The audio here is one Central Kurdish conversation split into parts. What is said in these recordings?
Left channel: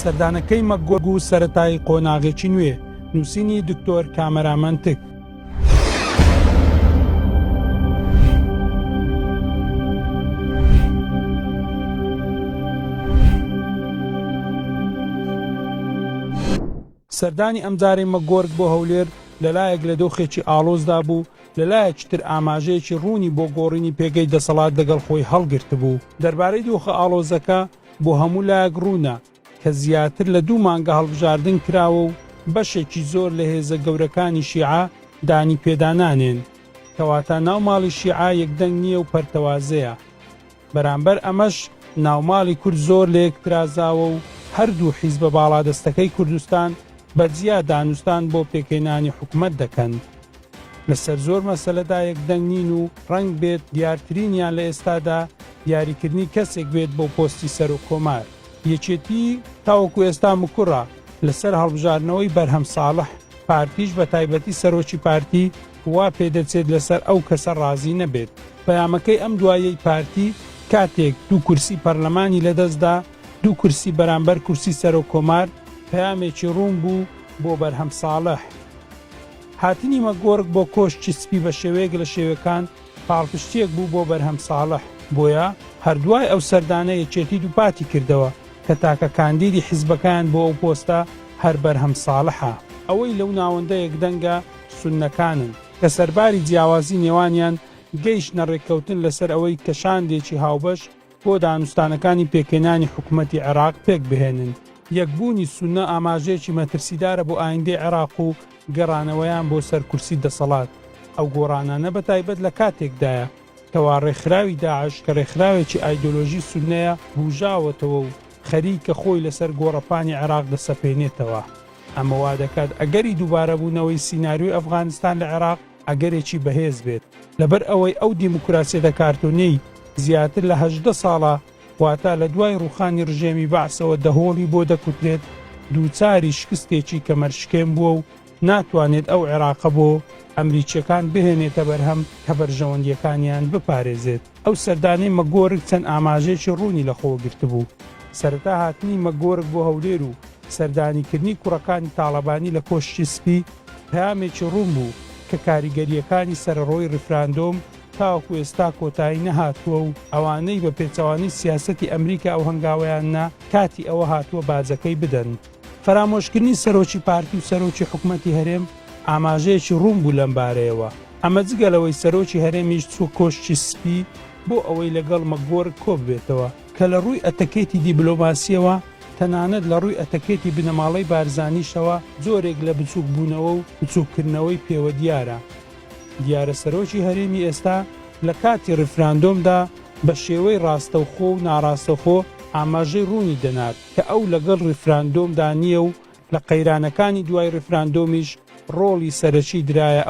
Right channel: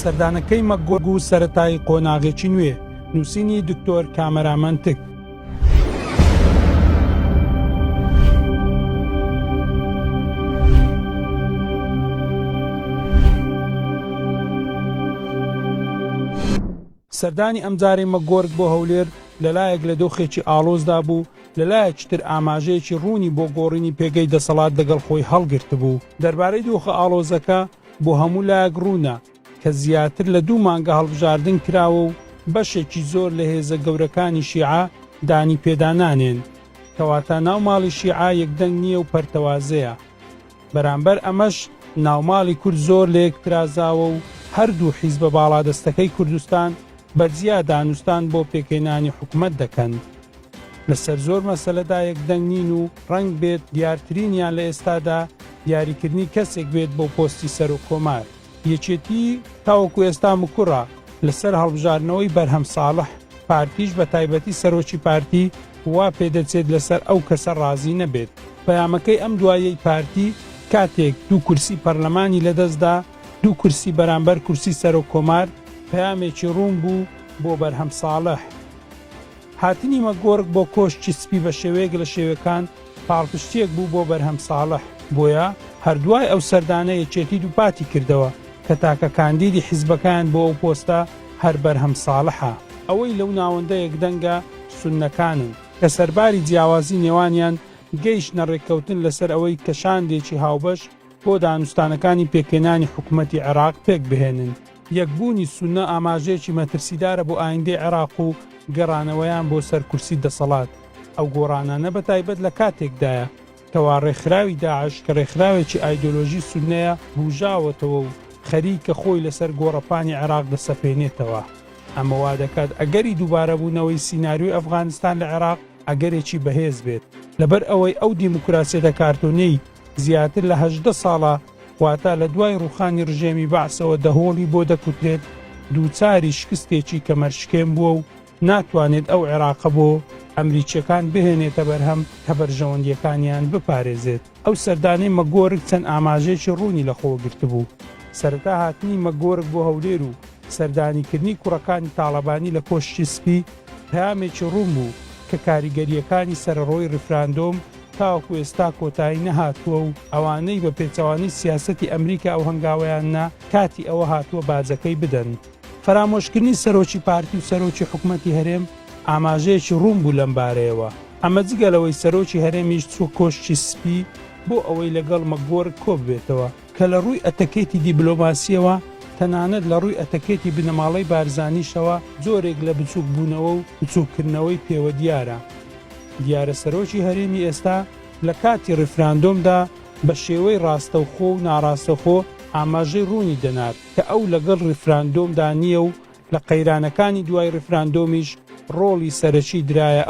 سەردانەکەی مەگۆرگ و سەرەتای قۆناغێکی نوێ نووسینی دکتۆر کامەرامەن تک. سەردانی ئەمجارەی مەگۆرگ بۆ هەولێر لەلایەک لە دۆخێکی ئاڵۆزدا بوو، لەلایەکتر ئاماژەیەکی ڕوونی بۆ گۆڕینی پێگەی دەسەڵات لەگەڵ خۆی هەڵگرت بوو. دەربارەی دۆخە ئاڵۆزەکە بۆ هەموو لایەک ڕوونە کە زیاتر لە 2 مانگە هەڵبژاردن کراوە و بەشێکی زۆر لە هێزە گەورەکانی شیعە دانی پێدانانێن، کەواتە ناوماڵی شیعە یەکدەنگ نییە و پەرتەوازەیە. بەرامبەر ئەمەش ناوماڵی کورد زۆر لە یەک پرازاوە و هەردوو حیزبە باڵادەستەکەی کوردستان بەرزیا دانوستان بۆ پێکهێنانی حکومەت دەکەن. لەسەر زۆر مەسەلەدا یەکدەنگ نین و ڕەنگ بێت دیارترینیان لە ئێستادا دیاریکردنی کەسێک بێت بۆ پۆستی سەر و کۆمار. یەکێتی تاوەکو ئێستا مکوڕە لەسەر هەڵبژاردنەوەی بەرهەم ساڵح، پارتیش بە تایبەتی سەرۆکی پارتی وا پێدەچێت لەسەر ئەو کەسە ڕازی نەبێت. پەیامەکەی ئەم دوایەی پارتی کاتێک 2 کورسی پەرلەمانی لەدەستدا، 2 کورسی بەرامبەر کورسی سەر و کۆمار، پەیامێکی ڕوون بوو بۆ بەرهەم ساڵح. هاتنی مەگۆرگ بۆ کۆشتی سپی بە شێوەیەک لە شێوەکان پاڵپشتیەک بوو بۆ بەرهەم ساڵح، بۆیە هەردوای ئەو سەردانە یەکێتی دووپاتی کردەوە کە تاکە کاندیدی حیزبەکان بۆ ئەو پۆستە هەر بەرهەم ساڵحە. ئەوەی لەو ناوەندە یەکدەنگە سوننەکانن کە سەرباری جیاوازی نێوانیان گەیشتنە ڕێککەوتن لەسەر ئەوەی کەشاندێکی هاوبەش بۆ دانوستانەکانی پێکهێنانی حکوومەتی عێراق پێک بهێنن. یەکبوونی سوننە ئاماژەیەکی مەترسیدارە بۆ ئایندەی عێراق و گەڕانەوەیان بۆ سەرکورسی دەسەڵات. ئەو گۆڕانانە بە تایبەت لە کاتێکدایە کەوا ڕێکخراوی داعش کە ڕێکخراوێکی ئایدۆلۆژی سوننەیە بوژاوەتەوە و خەریکە خۆی لەسەر گۆڕەپانی عێراق دەسەپێنێتەوە. ئەمە وا دەکات ئەگەری دووبارەبوونەوەی سیناریۆی ئەفغانستان لە عێراق ئەگەرێکی بەهێز بێت، لەبەر ئەوەی ئەو دیموکراسیە کارتۆنەی زیاتر لە 18 ساڵە واتە لە دوای ڕوخانی ڕژێمی بەعسەوە دەهۆڵی بۆ دەکوتێت دووچاری شکستێکی کەمەرشکێن بووە و ناتوانێت ئەو عێراقە بۆ ئەمریکیەکان بهێنێتە بەرهەم کە بەرژەوەندیەکانیان بپارێزێت. ئەو سەردانەی مەگۆرگ چەند ئاماژەیەکی ڕوونی لەخۆ گرتبوو. سەرەتا هاتنی مەگۆرگ بۆ هەولێر و سەردانیکردنی کوڕەکانی تاڵەبانی لە کۆشتی سپی پەیامێکی ڕوون بوو کە کاریگەریەکانی سەرڕۆی ڕفراندۆم تاوەکو ئێستا کۆتایی نەهاتووە و ئەوانەی بە پێچەوانی سیاسەتی ئەمریکا ئەو هەنگاوەیاننا کاتی ئەوە هاتووە بازەکەی بدەن. فرامۆشکردنی سەرۆکی پارتی و سەرۆکی حکوومەتی هەرێم ئاماژەیەکی ڕوون بوو لەم بارەیەوە. ئەمە جگەلەوەی سەرۆکی هەرێمیش چوو کۆشتی سپی بۆ ئەوەی لەگەڵ مەگۆرگ کۆ ببێتەوە کە لە ڕووی ئەتەکێتی دیبلۆماسیەوە تەنانەت لە ڕووی ئەتەکێتی بنەماڵەی بارزانیشەوە زۆرێک لە بچووک بوونەوە و بچووکردنەوەی پێوە دیارە. دیارە سەرۆکی هەرێمی ئێستا لە کاتی ڕفراندۆمدا بە شێوەی ڕاستەوخۆ و ناڕاستەخۆ ئاماژەی ڕوونی دەنات کە ئەو لەگەڵ ڕفراندۆمدا نییە و لە قەیرانەکانی دوای ڕفراندۆمیش ڕۆڵی سەرەکی درایە.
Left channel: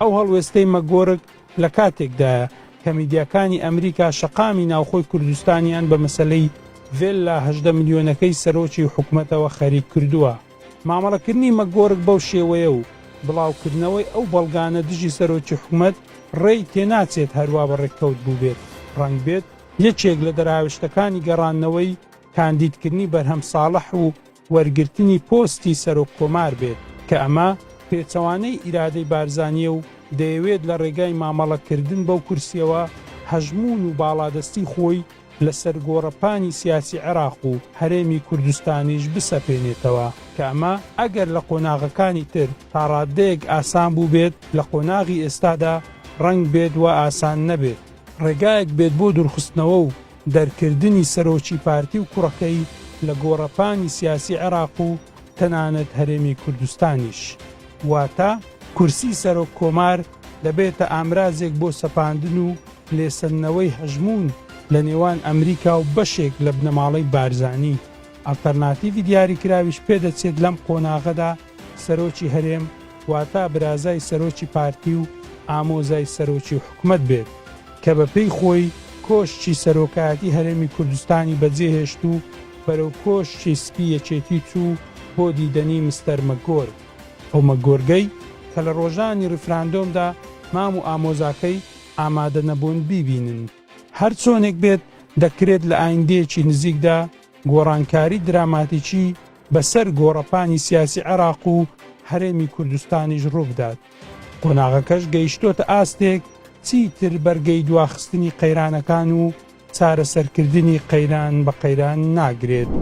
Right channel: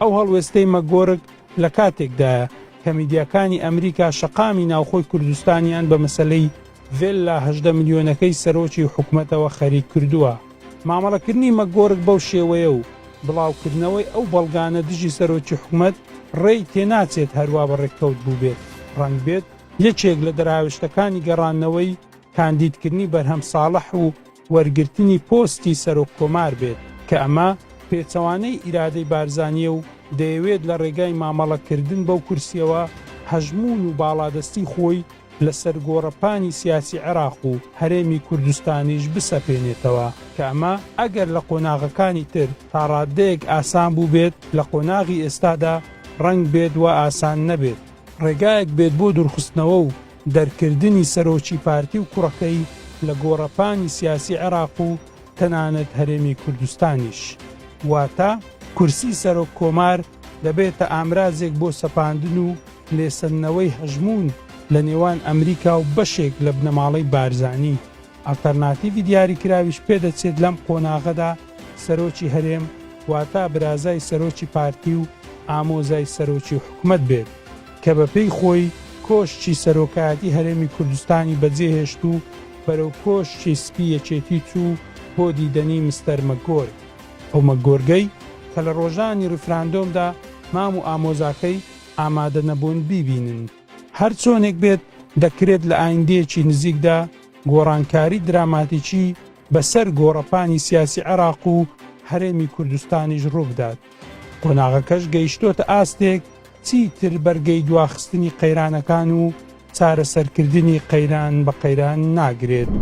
ئەو هەڵوێستەی مەگۆرگ لە کاتێکدایە کە میدیاکانی ئەمریکا شەقامی ناوخۆی کوردستانیان بە مەسەلەی ڤێلا 18 ملیۆنەکەی سەرۆکی حکوومەتەوە خەریک کردووە. مامەڵەکردنی مەگۆرگ بەو شێوەیە و بڵاوکردنەوەی ئەو بەڵگانە دژی سەرۆکی حکوومەت ڕێی تێناچێت هەروە بەڕێککەوت بوو بێت. ڕەنگ بێت یەکێک لە دەراوشتەکانی گەڕانەوەی کاندیدکردنی بەرهەم ساڵح و وەرگرتنی پۆستی سەرۆکتۆمار بێت کە ئەمە پێچەوانەی ئیرادەی بارزانیە و دەیەوێت لە ڕێگای مامەڵەکردن بەو کورسیەوە هەژمون و باڵادەستی خۆی لەسەر گۆڕەپانی سیاسی عێراق و هەرێمی کوردستانیش بسەپێنێتەوە کە ئەمە ئەگەر لە قۆناغەکانی تر تا ڕادەیەک ئاسان بوو بێت، لە قۆناغی ئێستادا ڕەنگ بێت وە ئاسان نەبێت. ڕێگایەک بێت بۆ دوورخستنەوە و دەرکردنی سەرۆکی پارتی و کوڕەکەی لە گۆڕەپانی سیاسی عێراق و تەنانەت هەرێمی کوردستانیش. واتە کورسی سەرۆک کۆمار دەبێتە ئامرازێک بۆ سەپاندن و لێسەنەوەی هەژمون لە نێوان ئەمریکا و بەشێک لە بنەماڵەی بارزانی. ئەڵتەرناتیڤی دیاریکراویش پێدەچێت لەم قۆناغەدا سەرۆکی هەرێم واتە برازای سەرۆکی پارتی و ئامۆزای سەرۆکی حکوومەت بێت کە بەپێی خۆی کۆشتی سەرۆکایەتی هەرێمی کوردستانی بەجێهێشت و بەرەو کۆشتی سپی یەکێتی چوو بۆ دیدەنی مستەر مەگۆرگ. ئەو مەگۆرگەی کە لە ڕۆژانی ڕفراندۆمدا مام و ئامۆزاکەی ئامادە نەبوون بیبینن. هەر چۆنێک بێت دەکرێت لە ئایندەیەکی نزیکدا گۆڕانکاری دراماتیکی بەسەر گۆڕەپانی سیاسی عێراق و هەرێمی کوردستانیش ڕووبدات. قۆناغەکەش گەیشتۆتە ئاستێک چیتر بەرگەی دواخستنی قەیرانەکان و چارەسەرکردنی قەیران بە قەیران ناگرێت.